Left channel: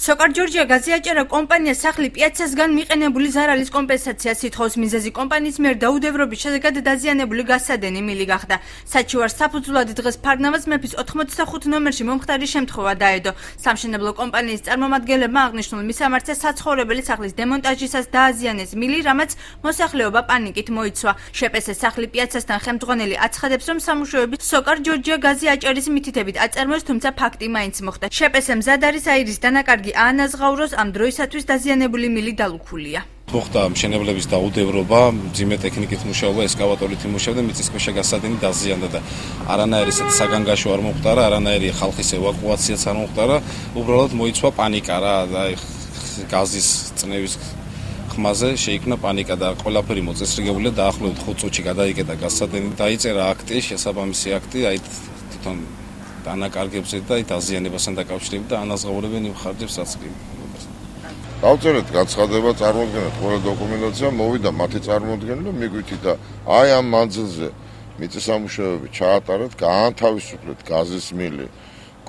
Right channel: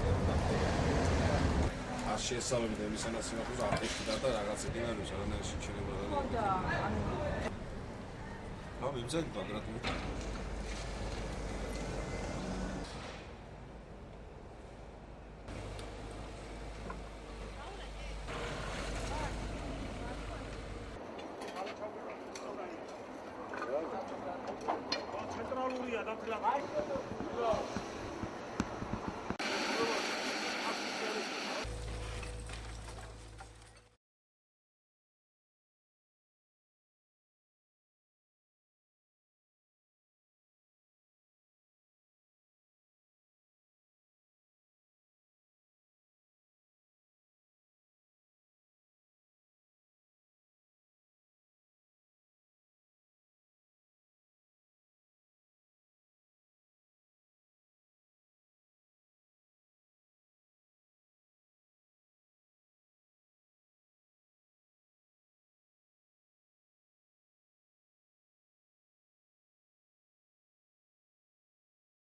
სოკარ ჯორჯია გაზიაჭერა კომპანია სახლი პიაცასგან მიყენებული ზარალის კომპენსაციას ითხოვს. მიზეზი კომპანიის მიერ დაუდევრობის შედეგად დაზიანებული გასადენი მილი გახდა. საჩივარ საფუძვლად დღეს ფარნავაზ მეფის 85 ნომერში მომხდარი შემთხვევა დაედო. სამშენებლო კომპანიის წარმომადგენლებმა აღნიშნულ მისამართზე საცხოვრებელი სახლის დემონტაჟისას დააზიანეს მილი, რამაც მოსახლეობა პანიკით მოიცვა. შეპესეს სახლი პიაცასთან ხელმძღვანელი აცხადებს, რომ სამუშაოები სოკარ ჯორჯია გაზიაჭერის მითითებით აწარმოეს, თუმცა ფაქტი მაინც მოხდა. შეპესე მზად არის აირის დანაკარგი აანაზღაუროს, ამ დროისათვის დაზიანებული მილი დალუქულია. მოხდა მშენებლების დაუდევრობა, მძიმე ტექნიკით მუშაობა, ესკავატორით იმუშავდა, მიწისქვეშა გასადენი დაზიანდა და არანაირი საგანგაშო არ მომხდარა, არანაირი ხალხის ევაკუაციაც არ მომხდარა, უბრალოდ მოიცვა პანიკა რა და გაზის წნევის ხმაზე შეიქმნა პანიკა და ყველაფერი მოწესრიგებულია. დაახლოებით 5 წუთში გადაიკეტა გასადენი, დაიწერა აქტი, შესაბამისი აქტი, აი თვითონ დანაკარგებზე და დაზიანებასთან დაკავშირებით და ანაზღაურებენ იმ ხარჯებს, რაც კი. დავწერეთ განცხადება, წარმოადგენთ ყველა დოკუმენტაცია, მოვიდა მათი წარმოდგენა და მიგვითი და აი ამ მანძილზე მიწისამუშავეები ჩაატარეთ, გაანთავისუფლეთ გაზის მილი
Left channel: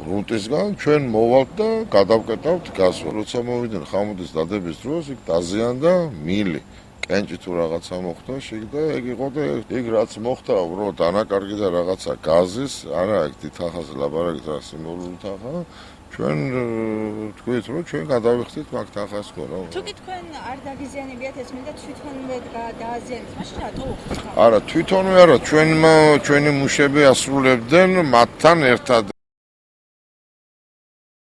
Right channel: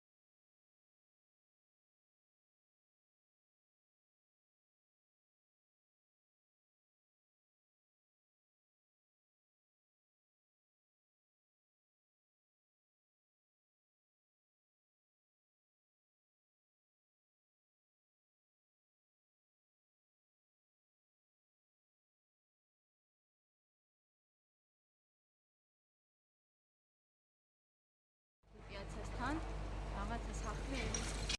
გრუნტისგან, ჩვენ მოვალთ და გადავკეტავთ გაზს. როცა მოვიდნენ ხამუდის დადების დროს, იქ დაზიანდა მილი. კენჭი თუ რაღაცა მოხდა, და ეგ იყო და ეგ რაც მოხდა, უბრალოდ დანაკარგი და რაღაცა გაზის, არა ეგ თახას ლაბარაკით რა სიმბოლური თახა. ჩვენ თქვით რომ ჩვენ გადავიხდით მაგ თახას ხოლო. თუკი თქვენ არ დაგიზიანებიათ ეს მინდა თვითონვე დააზიანეთ, მაშინ რატო უხდით? არა, თვითონვე არა, ჩვენი მუშები ასრულებდნენ მათთან ერთად